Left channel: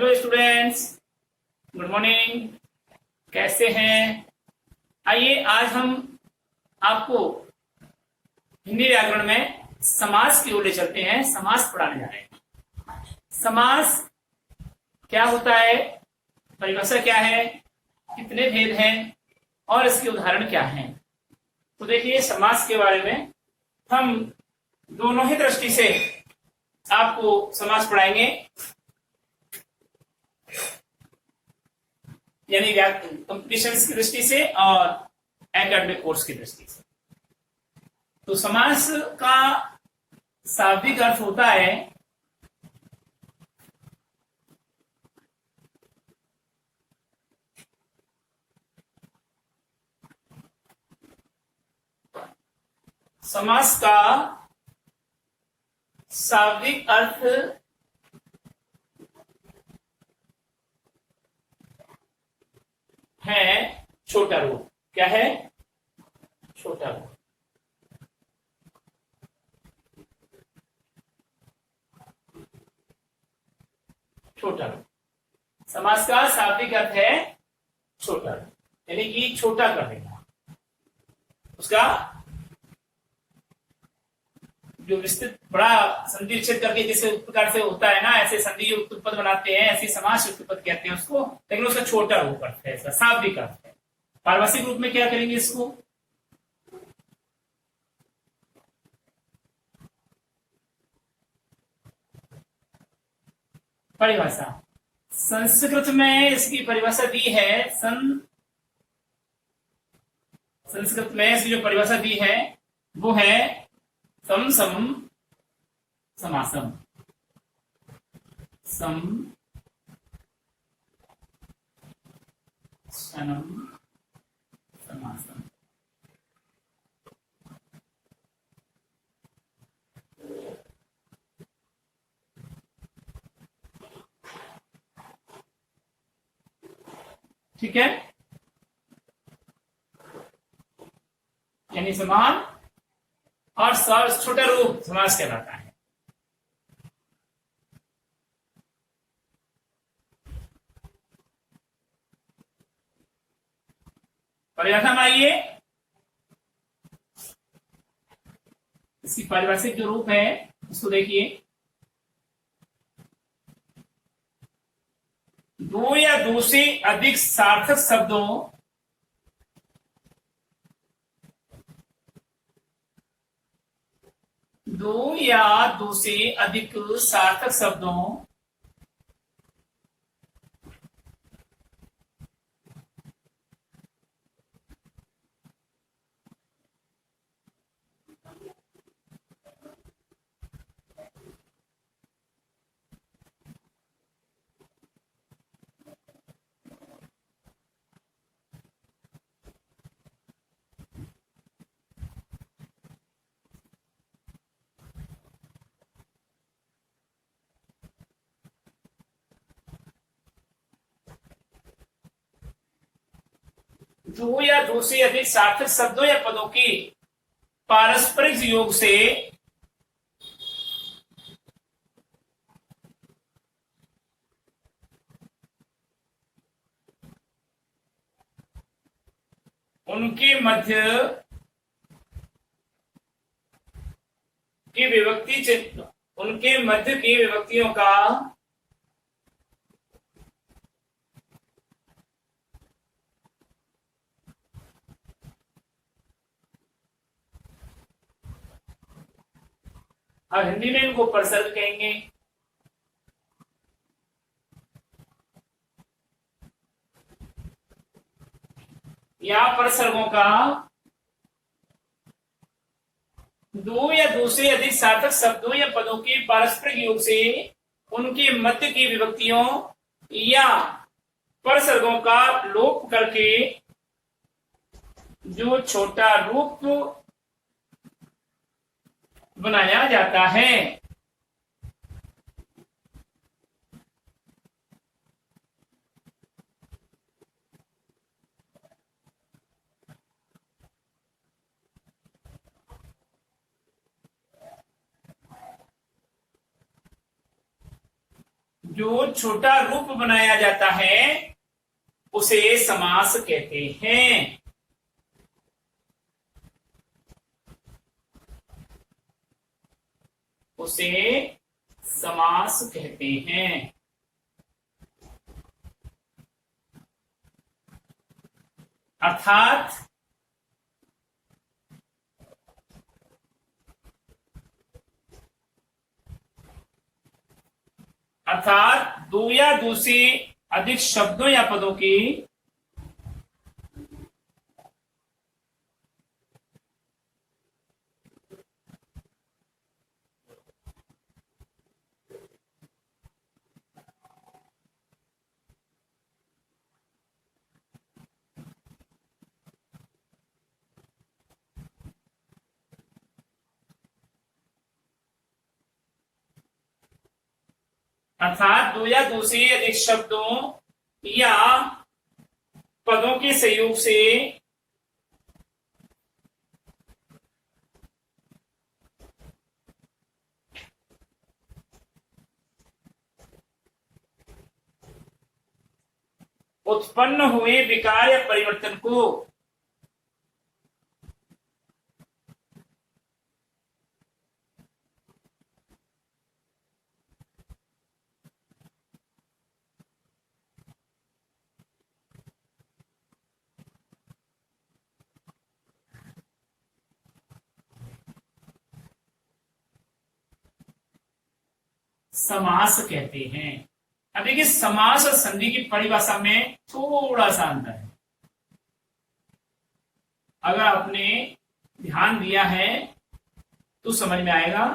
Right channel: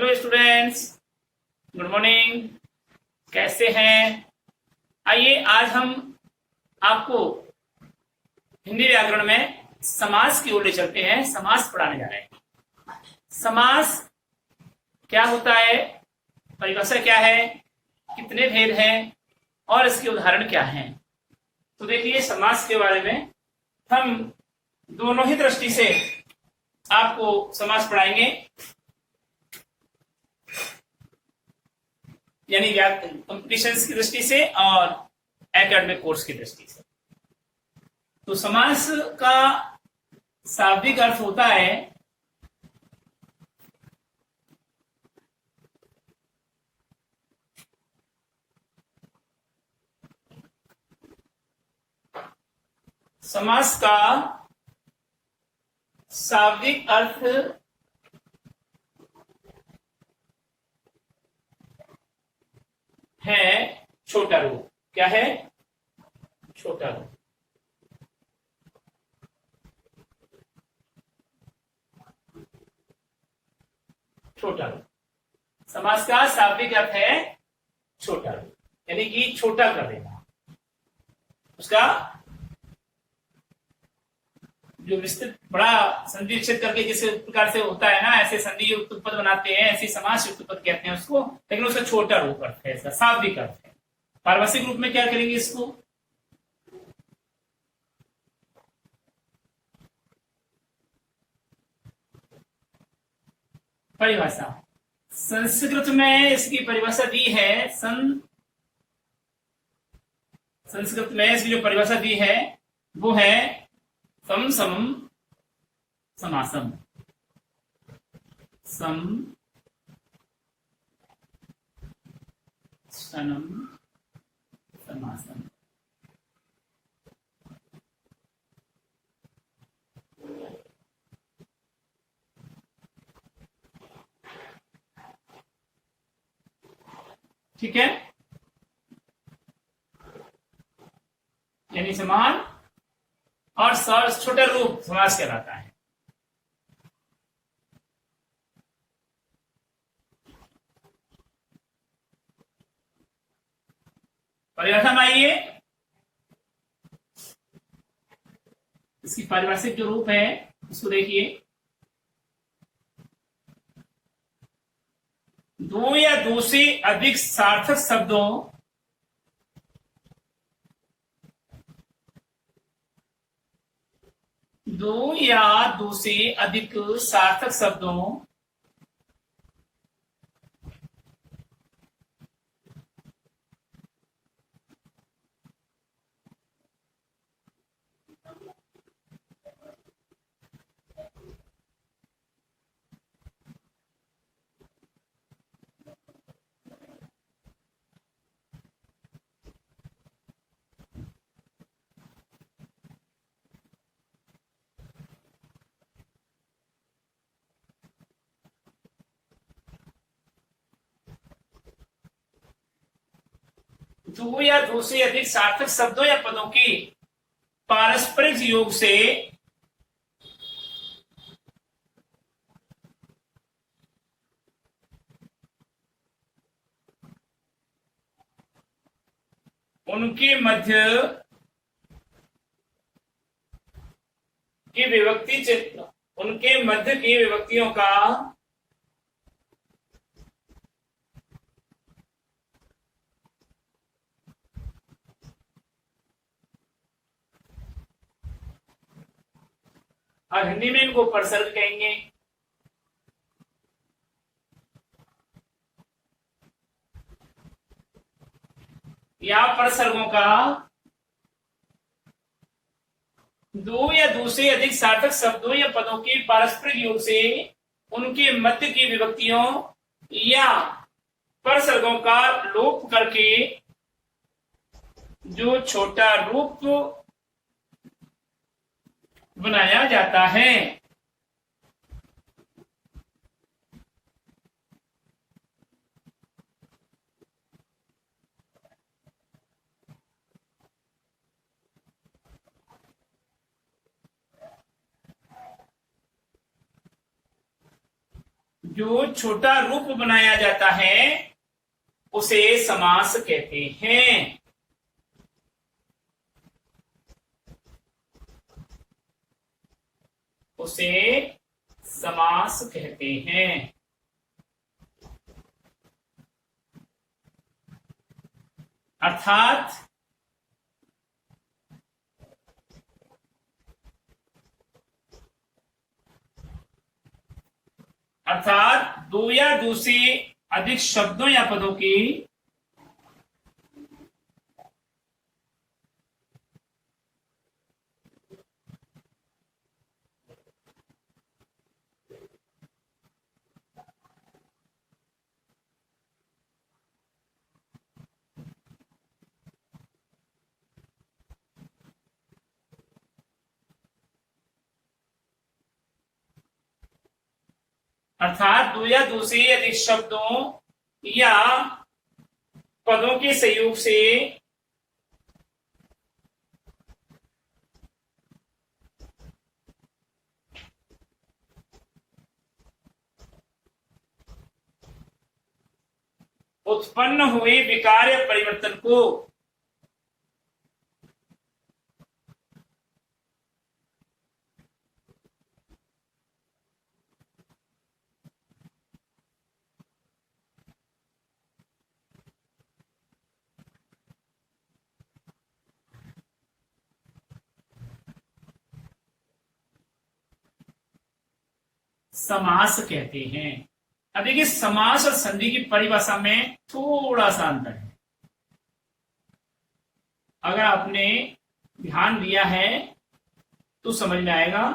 Hello students, good morning. कैसे हैं? आइए आज हम आपको हिंदी व्याकरण में समास की ओर ले चलते हैं। समास पढ़ाने जा रहे हैं। समास क्या होता है, परिभाषा क्या है, कितने भेद हैं और इसके उदाहरण क्या हैं। तो देखिए, समास के बारे में हम दोनों ही दृष्टि से आपको समास पढ़ाएंगे, यानी कंपटीशन की दृष्टि से और एकेडमिक कोर्स की दृष्टि से। तो समास का शाब्दिक अर्थ होता है समास का शाब्दिक अर्थ है छोटा रूप। क्या है? छोटा रूप। छोटा रूप समास का शाब्दिक अर्थ है छोटा रूप, यानी कि छोटा कर देना। उसका जो विस्तृत बड़ा संधि विच्छेद करके जैसे प्रकार से होता है ना, ऐसे संधि युक्त उत्पद बनाते हैं, ऐसे समास युक्त उत्पद कहते हैं उसको, लेकिन उसका छोटा रूप अर्थ है, इसका शाब्दिक अर्थ है। पारिभाषिक रूप में क्या करेंगे इसको? परिभाषा संस्कृत में इसकी परिभाषा दी है। संस्कृत में इसकी जो परिभाषा दी है वो है सम समम समासम। सम सनम समासम। ठीक है, यानी समान और छोटा रूप समास कहलाता है। परिभाषा में आइए, इसकी पारिभाषिक जो रूप है उसको देखिए। दो या दो से अधिक सार्थक शब्दों दो या दो से अधिक सार्थक शब्दों दो या दो से अधिक सार्थक शब्दों या पदों की पारस्परिक योग से उनके मध्य की विभक्तियों का और हिंदी में इनको परसर्ग कहेंगे। या परसर्गों का दो या दो से अधिक सार्थक शब्दों या पदों के पारस्परिक योग से उनके मध्य की विभक्तियों या परसर्गों का लोप करके जो छोटा रूप बनाया जाता है। जो छोटा रूप बनाया जाता है उसे समास कहते हैं। उसे समास कहते हैं। अर्थात दो या दो से अधिक शब्दों या पदों की अर्थात दो या दो से अधिक शब्दों या पदों के संयोग से उत्पन्न हुए विकार या परिवर्तन को समास कहते हैं। अब देखिए, समास और संधि की परिभाषा में थोड़ा सा अंतर है। अगर आपने ध्यान दिया है तो समझ में आएगा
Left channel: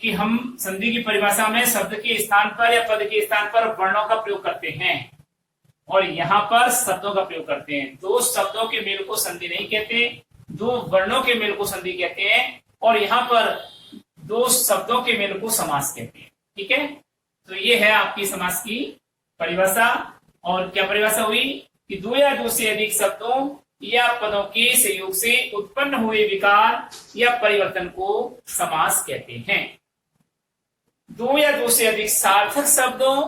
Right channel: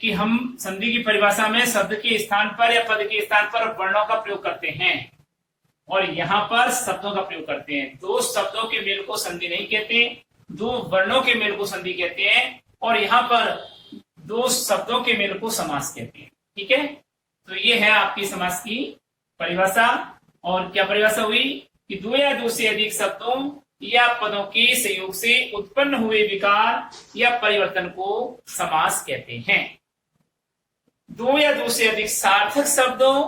कि हम संधि की परिभाषा में शब्द के स्थान पर या पद के स्थान पर वर्णों का प्रयोग करते हैं और यहां पर शब्दों का प्रयोग करते हैं। दो शब्दों के मेल को संधि नहीं कहते, दो वर्णों के मेल को संधि कहते हैं, और यहां पर दो शब्दों के मेल को समास कहते हैं। ठीक है, तो ये है आपकी समास की परिभाषा। और क्या परिभाषा हुई कि दो या दो से अधिक शब्दों या पदों के संयोग से उत्पन्न हुए विकार या परिवर्तन को समास कहते हैं। दो या दो से अधिक सार्थक शब्दों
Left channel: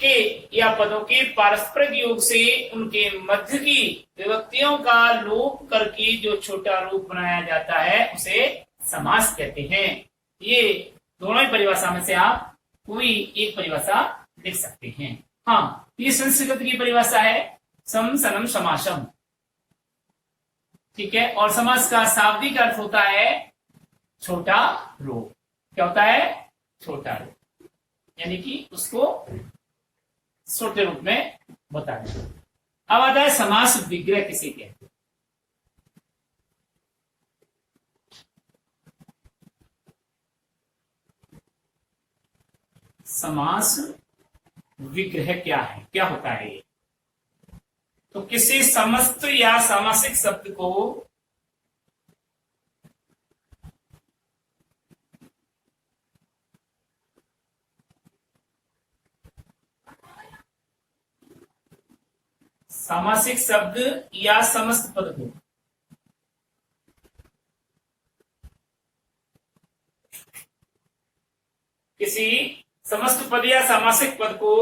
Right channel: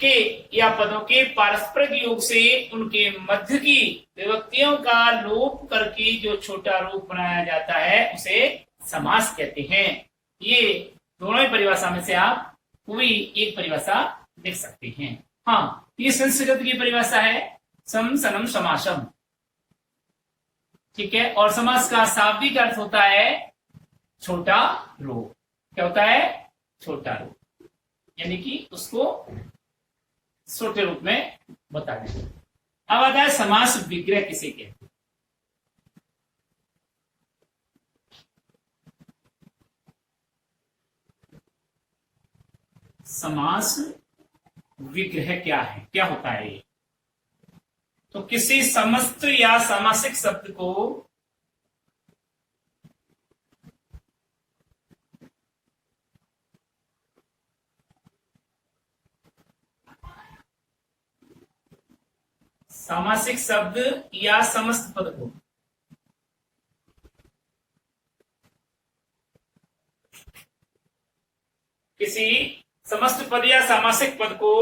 के या पदों के पारस्परिक योग से उनके मध्य की विभक्तियों का लोप करके जो छोटा रूप बनाया जाता है उसे समास कहते हैं। ये दोनों ही परिभाषा में से आप कोई एक परिभाषा लिख सकते हैं। हाँ, ये संस्कृत की परिभाषा है, सम सनम समासम। ठीक है, और समास का शाब्दिक अर्थ होता है छोटा रूप। क्या होता है? छोटा रूप, यानी कि उसको छोटे रूप में बताया। अब आता है समास विग्रह किसे कहते हैं। समास विग्रह क्या है, क्या होता है ये? तो किसी समस्त या सामासिक शब्द को सामासिक शब्द या समस्त पद को किसी समस्त पद या सामासिक पद को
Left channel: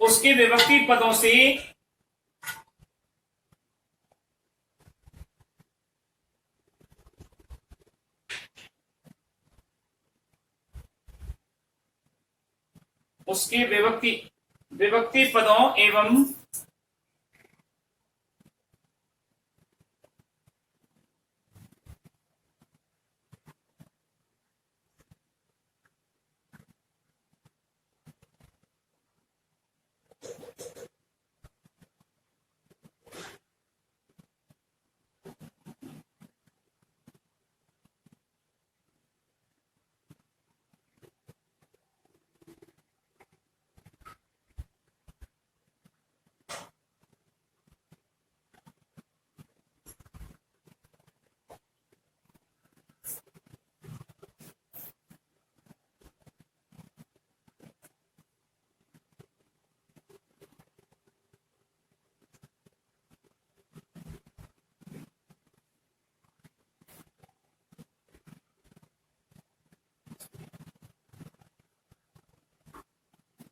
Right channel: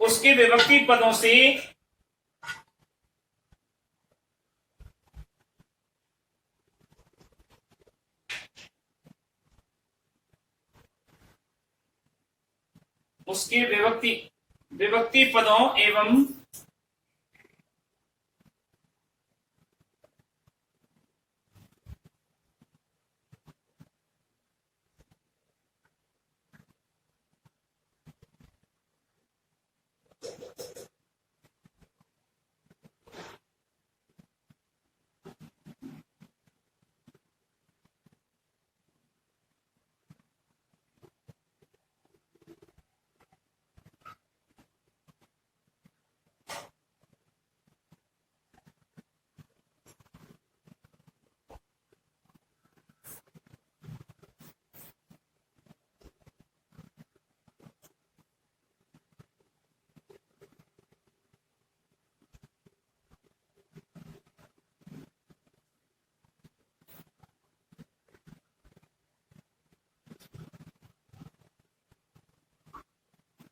उसके विभक्ति पदों से उसके विभक्ति पदों एवं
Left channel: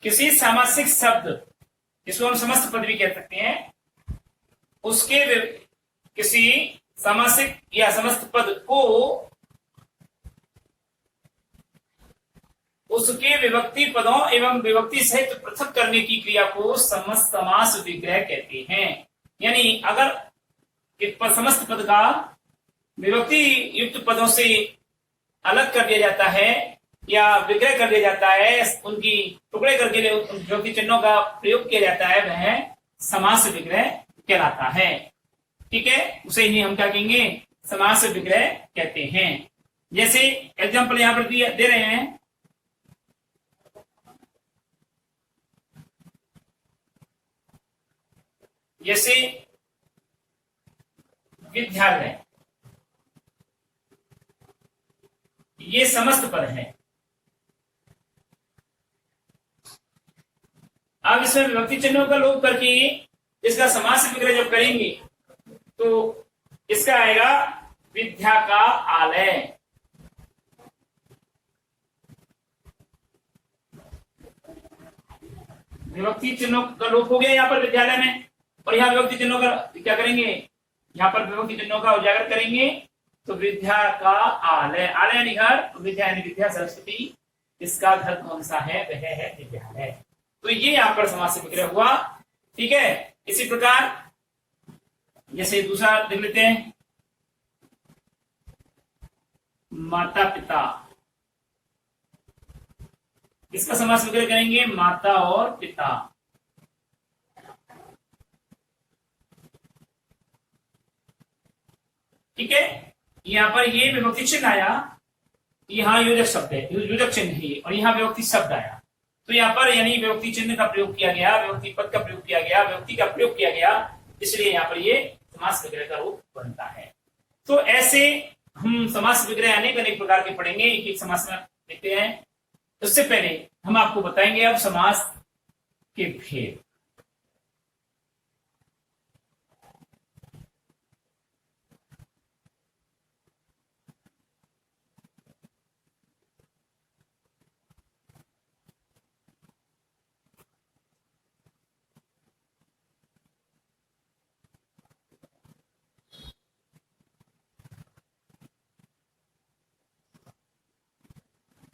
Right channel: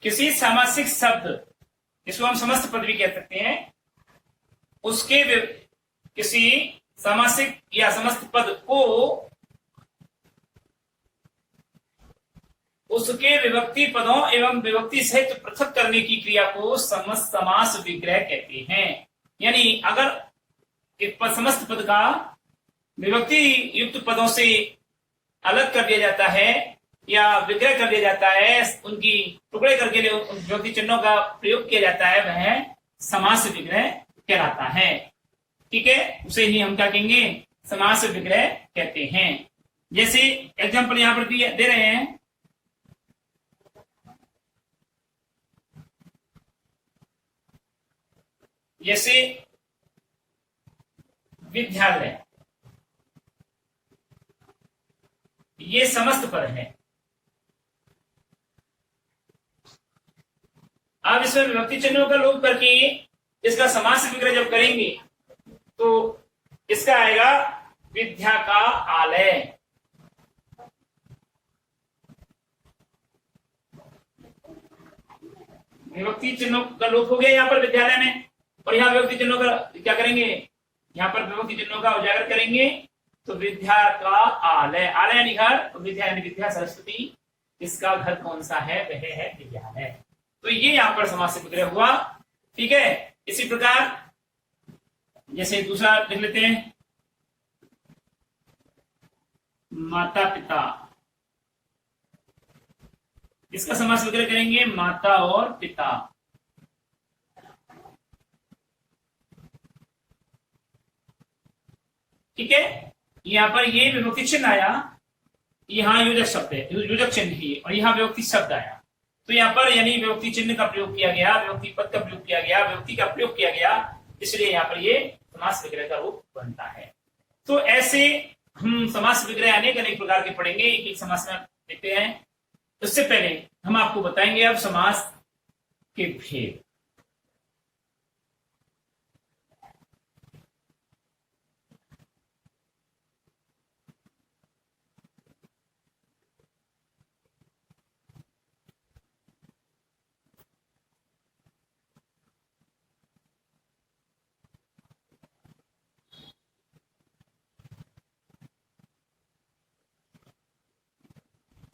किसी सामासिक शब्द, इसको हम समस्त पद भी कह सकते हैं, उसके किसी सामासिक या समस्त पद को उसके विभक्ति पदों एवं विभक्ति सहित पृथक करने की क्रिया को समस्त समास विग्रह कहते हैं। यानी अगर एक समस्त पद का विभक्ति युक्त पदों से अलग कर दिया जाता है या विग्रह कर दिया जाता है, उनकी टुकड़े करके विभक्ति चिन्हों का प्रयोग किया जाता है, वह समास विग्रह कहलाता है। ठीक है, उसे ही हम क्या कहेंगे, समास विग्रह कहते हैं। जैसे एग्जाम्पल यहां पर दे रहे हैं, जैसे विद्यालय, ये समस्त पद है। अब इसमें विभक्ति चिन्हों का लोप करके इसका समास विग्रह जब करेंगे तो इसका आएगा विद्या का आलय। विभक्ति चिन्हों का लोप हो गया यहाँ पर विद्यालय में, और यहाँ विभक्ति चिन्हों का क्या करेंगे, यहाँ पर विभक्ति चिन्हों का उजागर करेंगे तो विद्या का आलय, आलय यानी घर, विद्या यानी विद्या सरस्वती, इसका घर कौन सा है, वह है विद्यालय। तो ये यहाँ पर समास विग्रह हुआ। ठीक है, इसी प्रकार जैसे दूसरा लिख लेते हैं, माता पिता, इसका समास विग्रह करेंगे माता और पिता। ठीक है, यहां पर ये विभक्ति चिन्ह आया, यहां योजक शब्द है, योजक चिन्ह है, और यहां विभक्ति शब्द आया, तो यहाँ पर यानी विभक्ति चिन्ह का प्रयोग किया गया, विभक्ति पद का प्रयोग किया गया, विभक्ति का प्रयोग किया गया, इसलिए यहाँ पर ये समास विग्रह का रूप बनता है। तो ऐसे हम समास विग्रह अनेक अनेक प्रकार के पढ़ेंगे, एक एक समास में देखते हैं। उससे पहले हम आपको बताएंगे अब समास के भेद।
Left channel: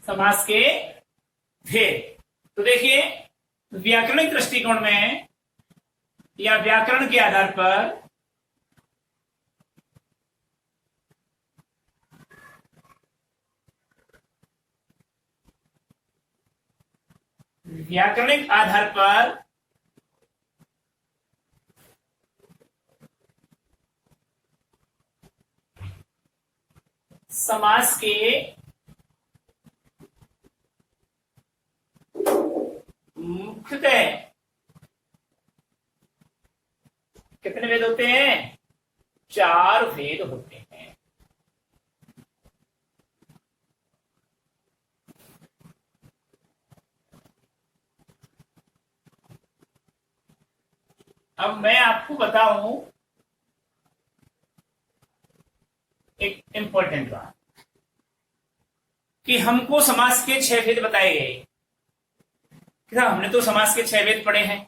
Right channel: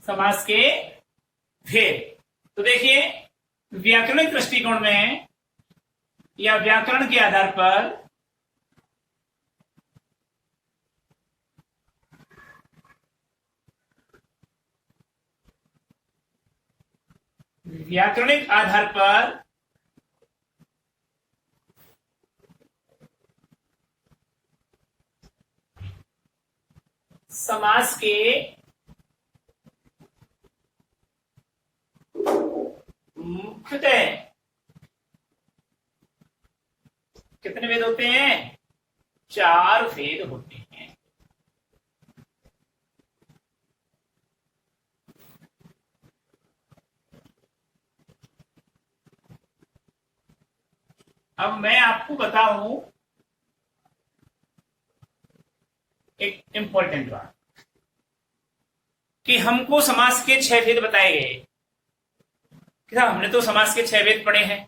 समास के भेद, तो देखिए व्याकरणिक दृष्टिकोण में या व्याकरण के आधार पर समास के मुख्यतः कितने भेद होते हैं, 4 भेद होते हैं। अब मैं आपको बताऊं एक इंपॉर्टेंट बात, कि हमको समास के 6 भेद बताए गए। हमने तो समास के 6 भेद पढ़े हैं।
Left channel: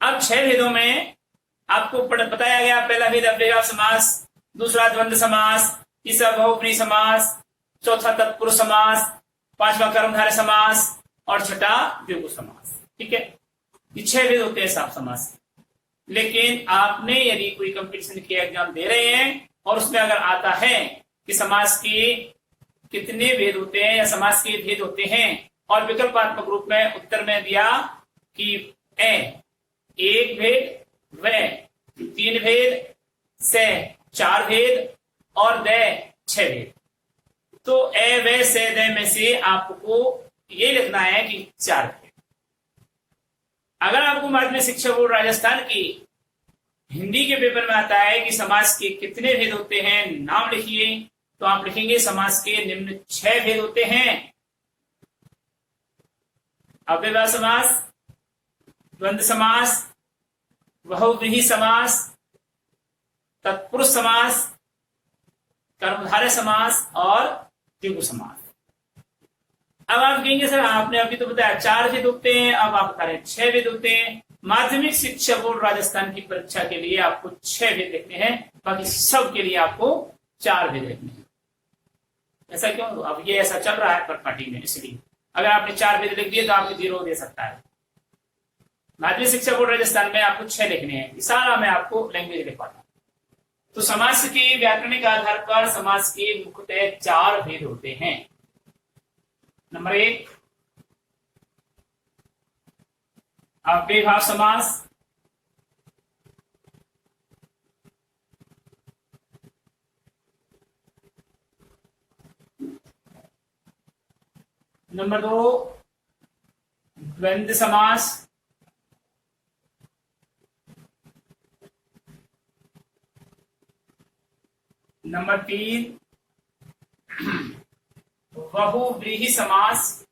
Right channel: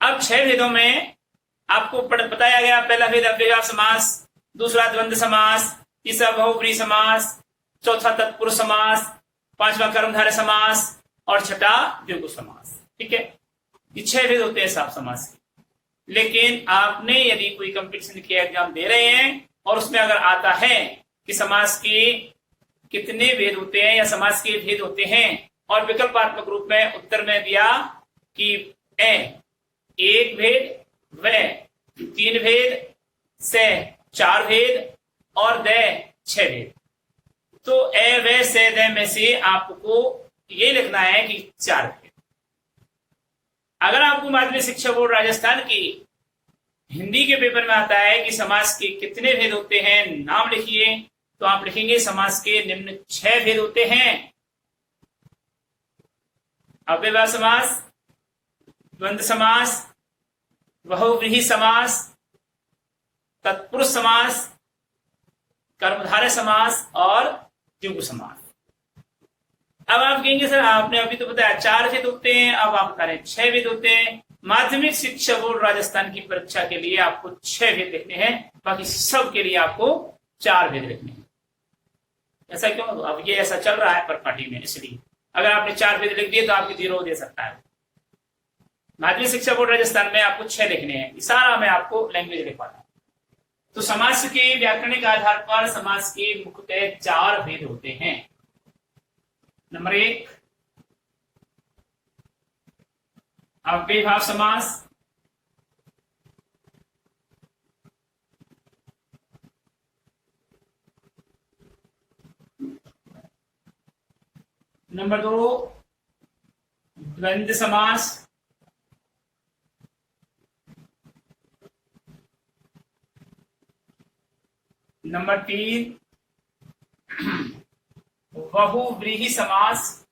अब 6 भेदों में आपको बताया गया, पहला भेद अव्ययभाव समास, दूसरा द्वंद्व समास, तीसरा बहुब्रीहि समास, चौथा तत्पुरुष समास, पांचवा कर्मधारय समास और छठा द्विगु समास। ठीक है, ये 6 भेद होते हैं साफ समास के। लेकिन आपने यदि कोई कंपटीशन के एग्जाम दे रहे हैं और उसमें अगर आता है कि समास के कितने भेद होते हैं या समास के भेद होते हैं, और विकल्पात्मक रूप में उत्तर में दिया कि एक भेद, व 3 भेद, से 4 भेद और द 6 भेद, तो व से द में से आपको ये लिखना है कि 4 भेद। अगर आपको माध्यमिक शिक्षा बोर्ड राजस्थान की हिंदी के पेपर में आता है कि समास के कितने भेद होते हैं, नाम लिखिए, तो आप लिखेंगे समास के निम्न 6 भेद होते हैं: अव्ययभाव समास, द्वंद्व समास, बहुव्रीहि समास, तत्पुरुष समास, कर्मधारय समास और द्विगु समास। अब आप कहेंगे सर आपने अभी तो बताया 4 भेद होते हैं, अब आप बता रहे हैं 6 भेद होते हैं। माध्यमिक शिक्षा बोर्ड राजस्थान की परीक्षा के लिए आपको 6 भेद लिखने हैं, बाकी सब के लिए आपको 4 भेद लिखने हैं। ऐसा क्यों? अब ये ऐसा चल रहा है पर पार्टी में, इसलिए अगर आपने 4 भेद लिख दिए तो आपकी 0 दे सकता है। माध्यमिक शिक्षा बोर्ड राजस्थान में आपको 6 लिखने हैं, सारा मैं आपको लैंग्वेज लिखवाता हूं। तो समास के व्याकरणिक आधार पर समास के मुख्यतः 4 भेद होते हैं। नंबर 1 अव्ययभाव समास। नंबर 2 द्वंद्व समास। नंबर 3 बहुव्रीहि समास।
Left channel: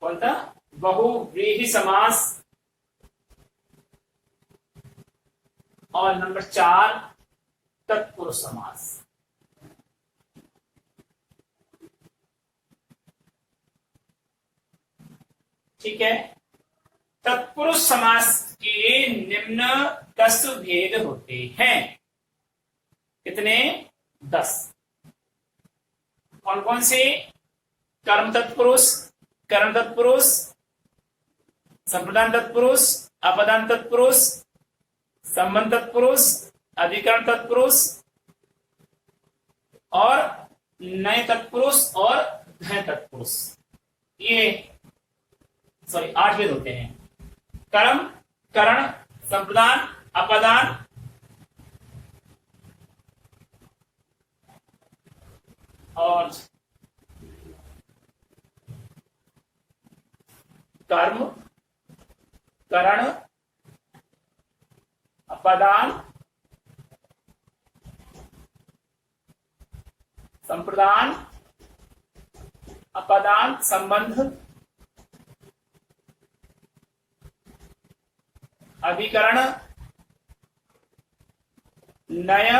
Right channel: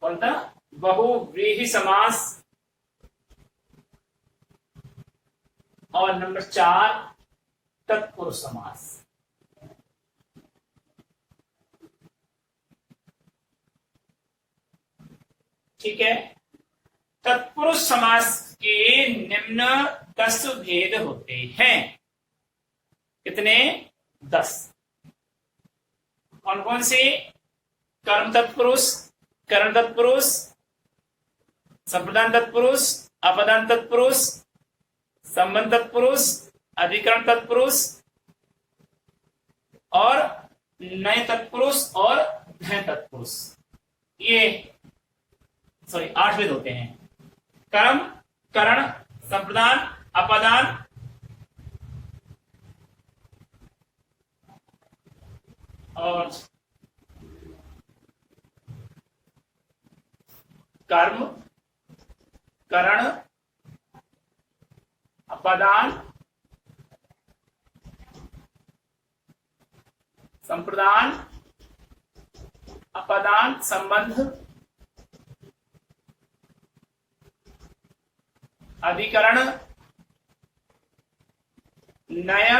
कौन था? बहुव्रीहि समास। और नंबर 4 तत्पुरुष समास। ठीक है। तत्पुरुष समास के निम्न 10 भेद होते हैं। कितने? 10। कौन कौन से? कर्म तत्पुरुष, करण तत्पुरुष, संप्रदान तत्पुरुष, अपदान तत्पुरुष, संबंध तत्पुरुष, अधिकरण तत्पुरुष और नए तत्पुरुष और धय तत्पुरुष। ये 8 भेद होते हैं। कर्म, करण, संप्रदान, अपदान और कर्म, करण, अपदान, संप्रदान, अपदान, संबंध, अधिकरण, नय,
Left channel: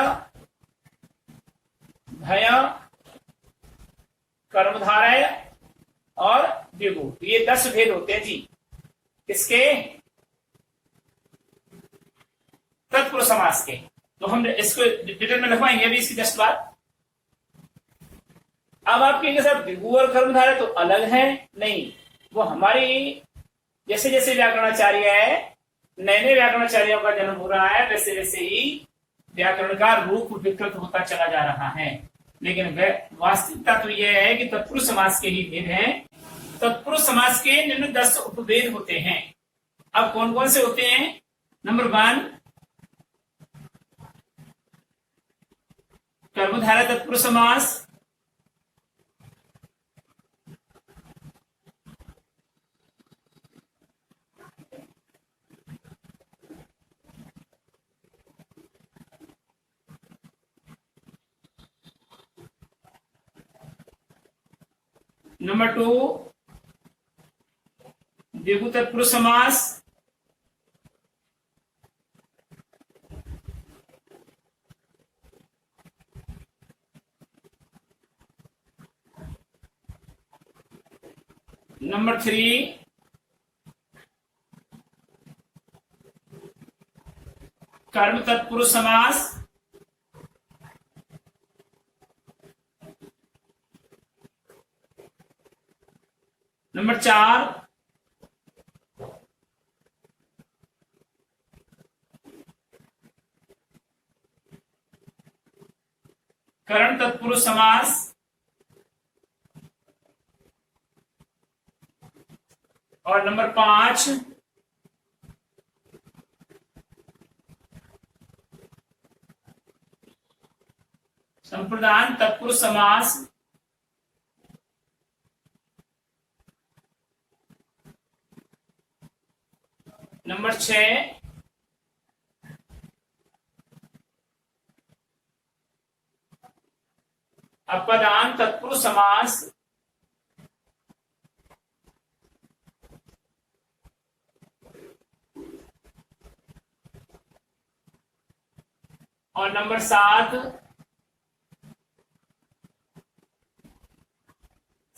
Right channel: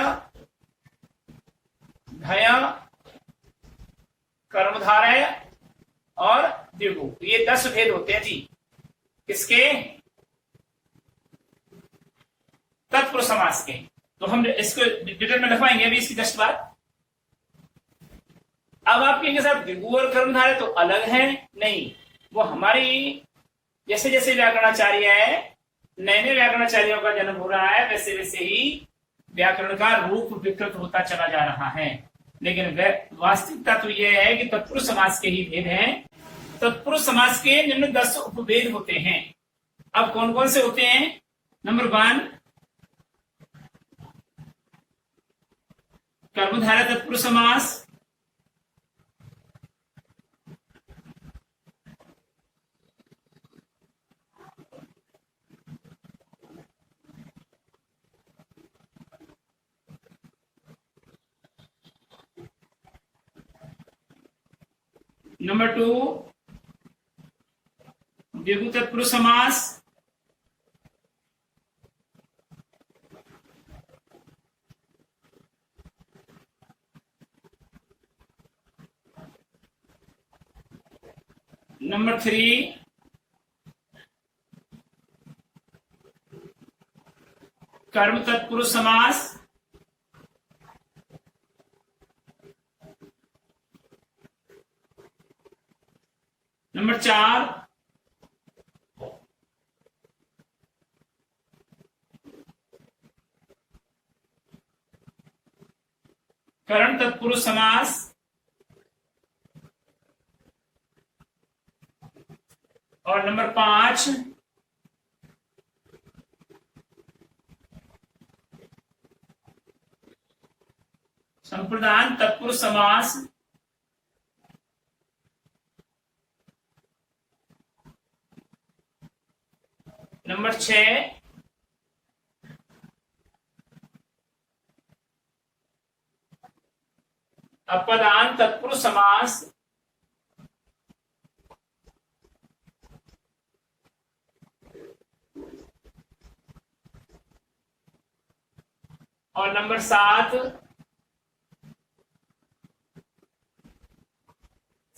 धय, कर्मधारय और द्विगु। ये 10 भेद होते हैं जी। किसके? तत्पुरुष समास के। तो हम इसको डिटेल में लिखवाएंगे अभी इसकी जस्ट बात। अब आप कहेंगे सर द्विगु और कर्मधारय तो अलग है। नहीं, वो हमारी जैसे जैसे व्याकरणाचार्य है, नए नए व्याकरणाचार्यों का जन्म हो रहा है, वैसे वैसे ही व्याकरण का रूप विकृत होता चला जा रहा है। लेकिन वास्तविकता तो यह है कि तत्पुरुष समास के ही भेद हैं। तत्पुरुष समास के निम्न 10 उपभेद होते हैं। अब कौन कौन से होते हैं? नंबर 1 कर्मधारय तत्पुरुष समास। नंबर 2 द्विगु तत्पुरुष समास। नंबर 3 कर्म तत्पुरुष समास। नंबर 4 करण तत्पुरुष समास। और नंबर 5 संप्रदान तत्पुरुष समास। नंबर 6 अपदान तत्पुरुष समास। और नंबर 7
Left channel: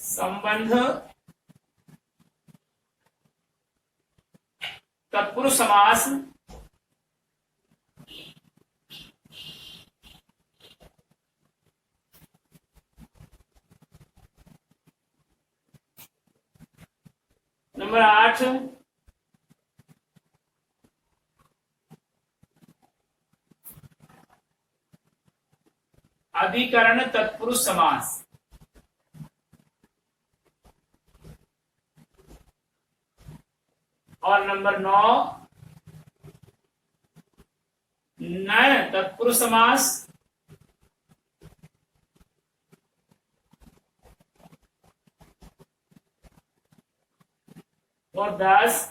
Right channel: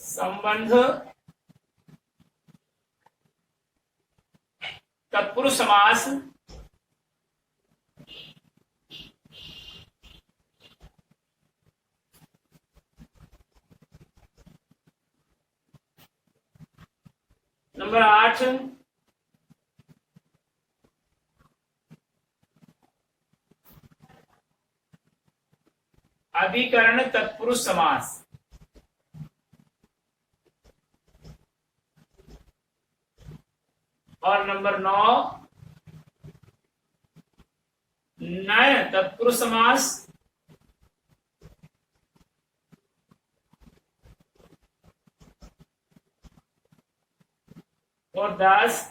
संबंध तत्पुरुष समास। नंबर 8 अधिकरण तत्पुरुष समास। और नंबर 9 नय तत्पुरुष समास। और 10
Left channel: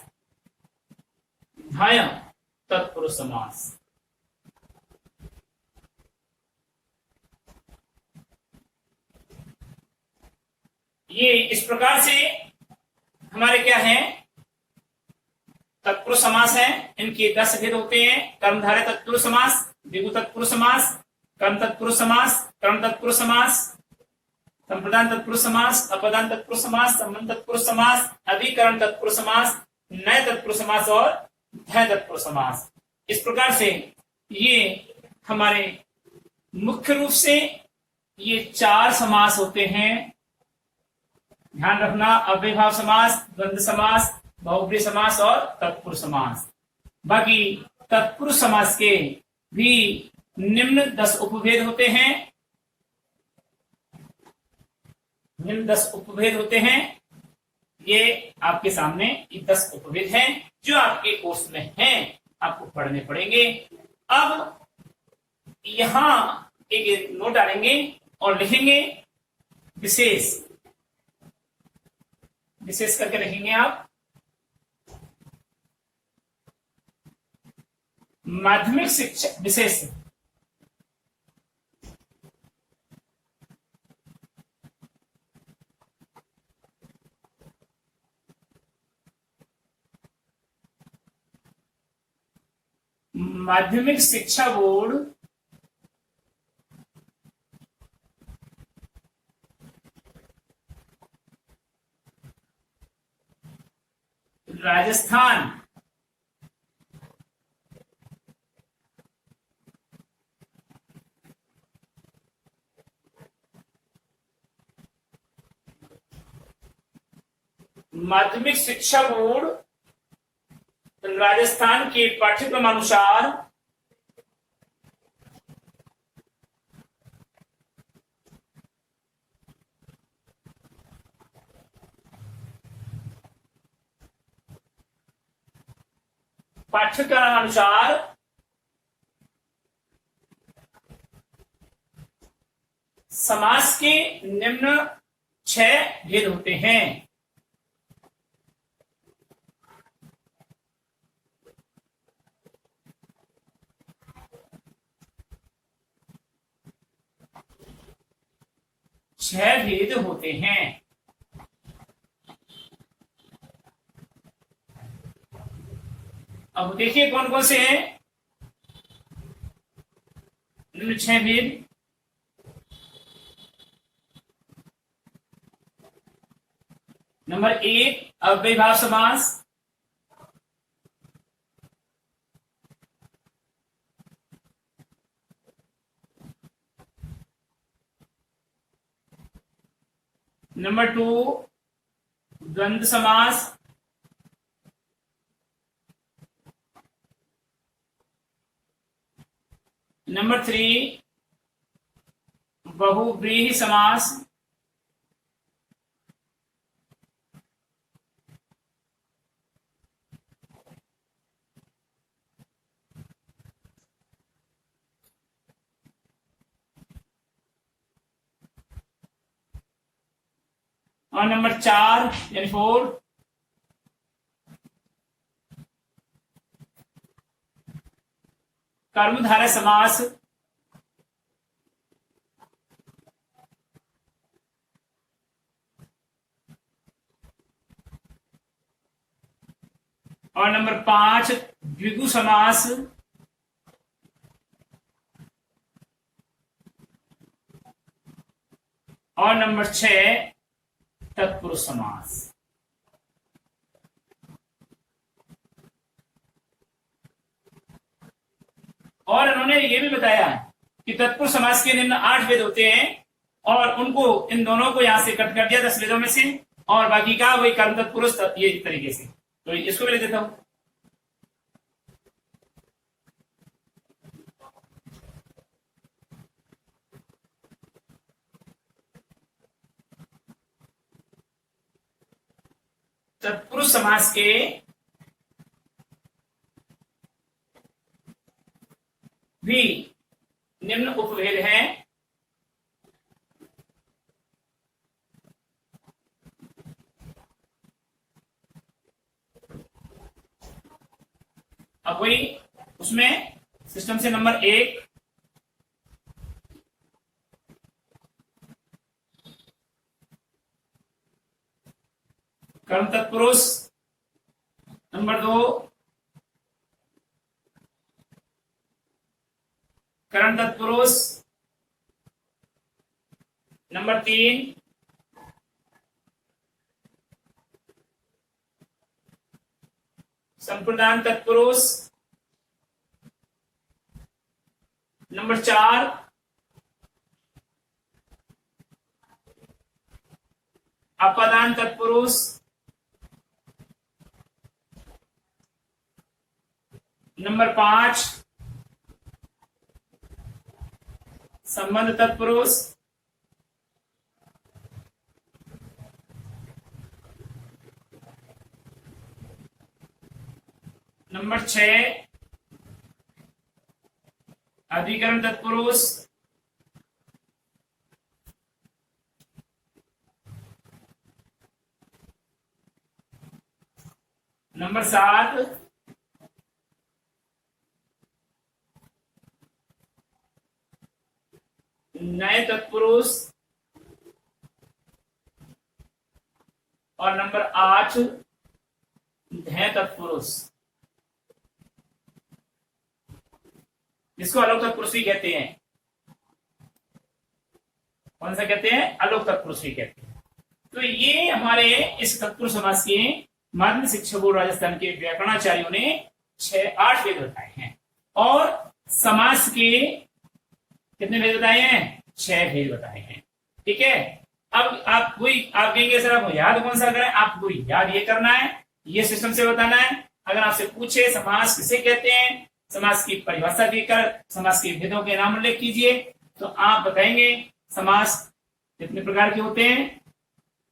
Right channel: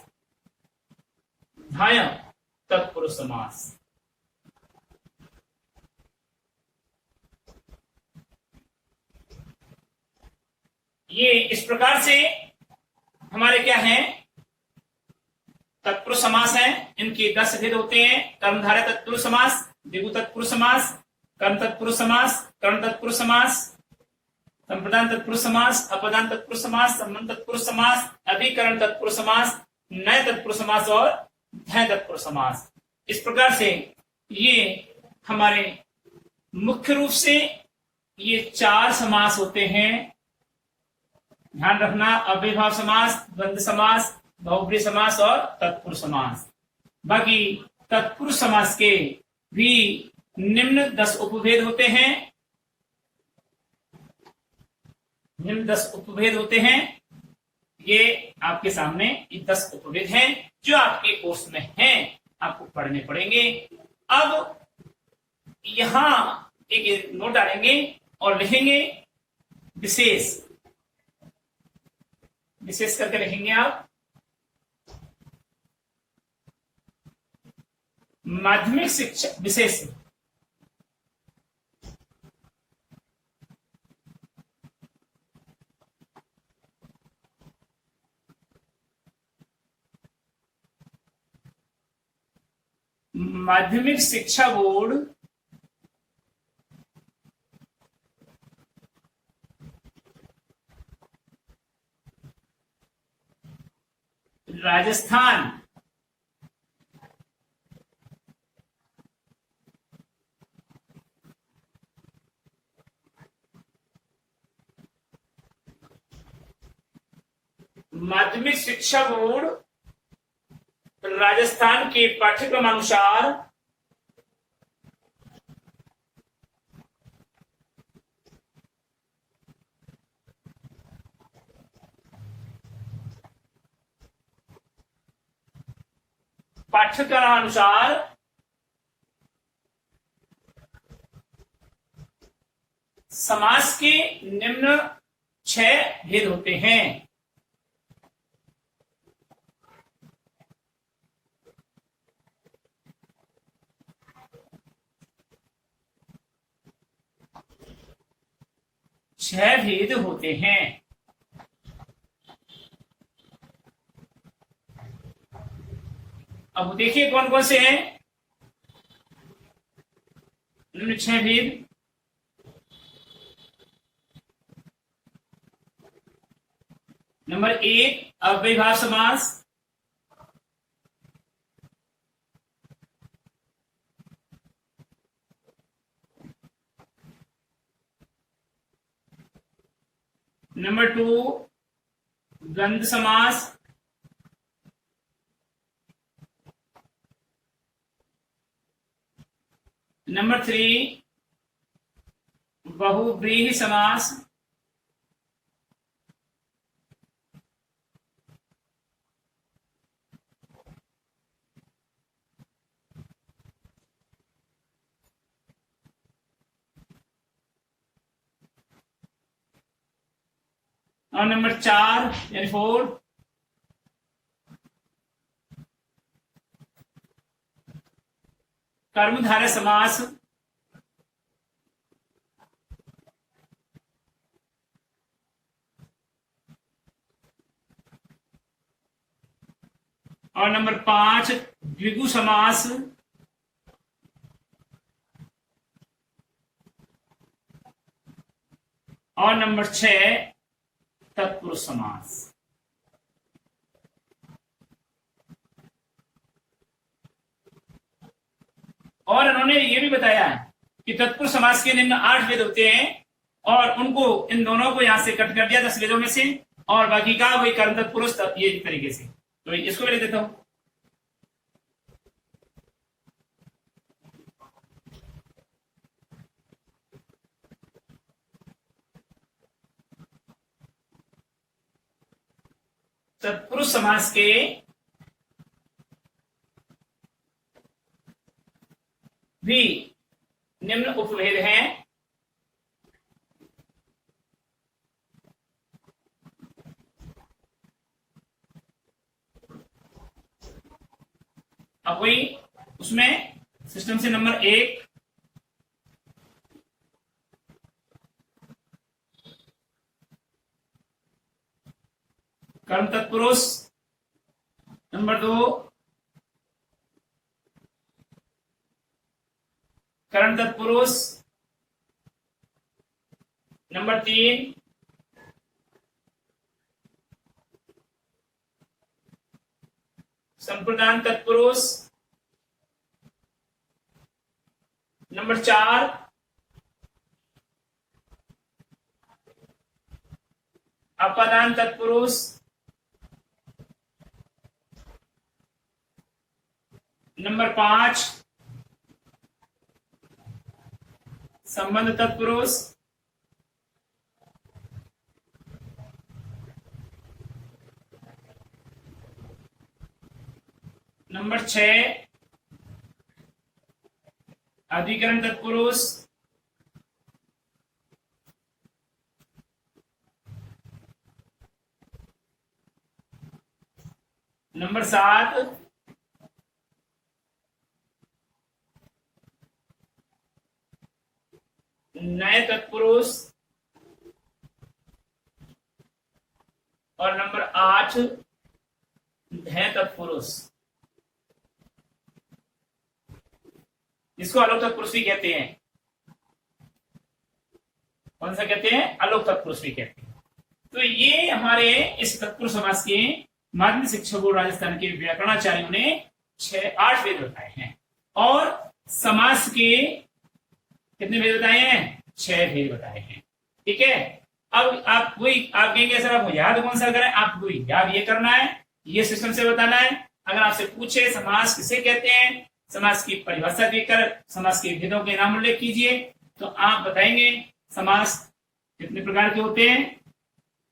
धाय तत्पुरुष समास। ये इस प्रकार से हमारे क्या है, तत्पुरुष समास है। इनके 10 भेद होते हैं। कर्मधारय तत्पुरुष समास, द्विगु तत्पुरुष समास, कर्म तत्पुरुष समास, कर्ण तत्पुरुष समास, संप्रदान तत्पुरुष समास, अपदान तत्पुरुष समास, संबंध तत्पुरुष समास, अधिकरण तत्पुरुष समास, नय तत्पुरुष समास और धय तत्पुरुष समास। इस प्रकार से ये हमारे मुख्य रूप से ये 4 समास होते हैं। ध्यान रखना, अव्ययभाव समास, द्वंद्व समास, बहुब्रीहि समास और तत्पुरुष समास। बाकी तत्पुरुष समास के भी निम्न 10 उपभेद होते हैं। निम्न 10 उपभेद होते हैं। ये आपके सामने ये 10 उपभेद हैं जो आपके कोर्स में हैं, आपको पढ़ने पड़ेंगे। अब यहां एक नोट डालेंगे और लिखेंगे विशेष। विशेष करके लिखेंगे आप माध्यमिक शिक्षा विशेष। माध्यमिक शिक्षा बोर्ड राजस्थान माध्यमिक शिक्षा बोर्ड राजस्थान के पाठ्यक्रम अनुसार समास के निम्न 6 भेद होते हैं। छह भेद होते हैं। अब देखिए कौन कौन से हैं निम्न 6 भेद। नंबर 1 अव्ययभाव समास। नंबर 2 द्वंद्व समास। नंबर 3 बहुव्रीहि समास। और नंबर 4 यानी 4 कर्मधारय समास। और नंबर 5 द्विगु समास। और नंबर 6 तत्पुरुष समास। और उन्होंने ये भी बताया कि तत्पुरुष समास के निम्न 8 वेद होते हैं और उनको इन दोनों को यहां से कट कर दिया 10 वेदों में से, और बाकी का वही कर्म तत्पुरुष ये तरीके से। तो इसको भी लिख देता हूं। तत्पुरुष समास के भी निम्न उपभेद हैं। अब वही उसमें सिस्टम से नंबर 1 कर्म तत्पुरुष, नंबर 2 करण तत्पुरुष, नंबर 3 संप्रदान तत्पुरुष, नंबर 4 अपादान तत्पुरुष, नंबर 5 संबंध तत्पुरुष, नंबर 6 अधिकरण तत्पुरुष, नंबर 7 नए तत्पुरुष, और नंबर 8 ध्येय तत्पुरुष, जिसको अलोक तत्पुरुष भी कहते हैं। कौन सा कहते हैं? अलोक तत्पुरुष भी कहते हैं। तो ये हमारे इस तत्पुरुष समास के माध्यमिक शिक्षा बोर्ड राजस्थान के व्याकरणाचार्यों ने 8 वेद बताए हैं, और समास के कितने भेद बताए हैं? 6 भेद बताए हैं। ठीक है। अब आप वही आप कहेंगे सर आप याद कौन सा करें? आपको याद ये करना है, ये सिस्टम से बताना है। अगर आपसे पूछे समास किसे कहते हैं, समास की परिभाषा देकर समास के भेदों के नाम उल्लेख कीजिए, तो आप बताएंगे समास कितने प्रकार के होते हैं?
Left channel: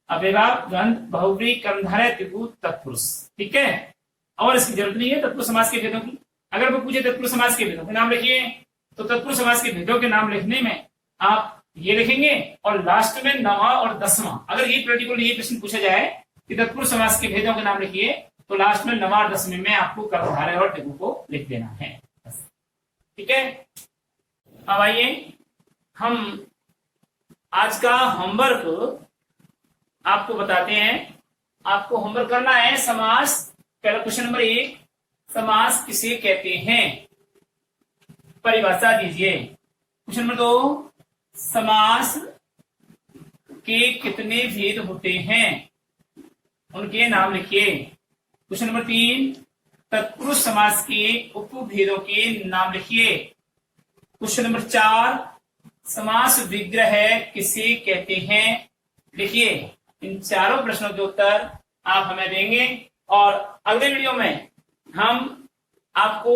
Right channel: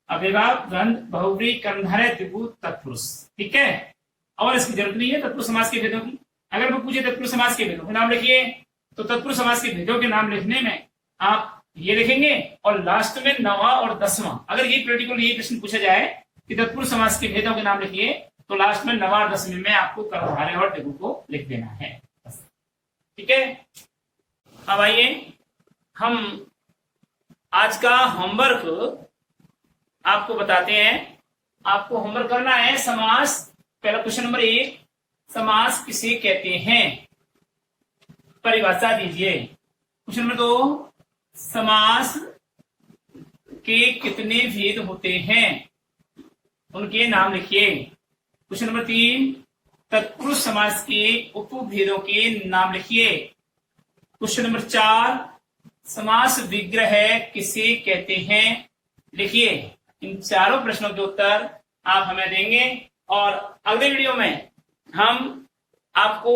अव्ययभाव, द्वंद, बहुव्रीहि, कर्मधारय, त्रिभुज, तत्पुरुष। ठीक है। और इसकी जरूरत नहीं है तत्पुरुष समास के भेदों की। अगर वो पूछे तत्पुरुष समास के भेदों के नाम लिखिए, तो तत्पुरुष समास के भेदों के नाम लिखने में आप ये लिखेंगे और लास्ट में 9वां और 10वां। अगर ये प्रैक्टिकल ये प्रश्न पूछा जाए कि तत्पुरुष समास के भेदों के नाम लिखिए, तो लास्ट में 9वां और 10वें में आपको कर्मधारय और त्रिभुज को लिख देना है। ठीक है। अब आइए हम आज का होमवर्क आपको बताते हैं। आपको होमवर्क करना है समास। पहला क्वेश्चन नंबर 1, समास किसे कहते हैं? परिभाषा दीजिए। क्वेश्चन नंबर 2, समास के कितने भेद होते हैं? उनके नाम लिखिए। क्वेश्चन नंबर 3, तत्पुरुष समास के उपभेदों के नाम लिखिए। क्वेश्चन नंबर 4, समास विग्रह किसे कहते हैं? लिखिए। इन चारों प्रश्नों के उत्तर आप हमें देंगे, और अगले वीडियो में हम आपको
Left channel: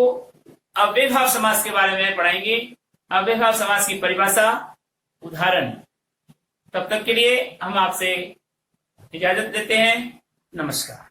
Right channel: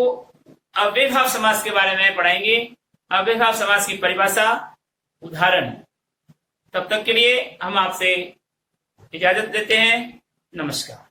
अव्ययभाव समास के बारे में पढ़ाएंगे। अव्ययभाव समास की परिभाषा, उदाहरण। तब तक के लिए हम आपसे इजाजत देते हैं। नमस्कार।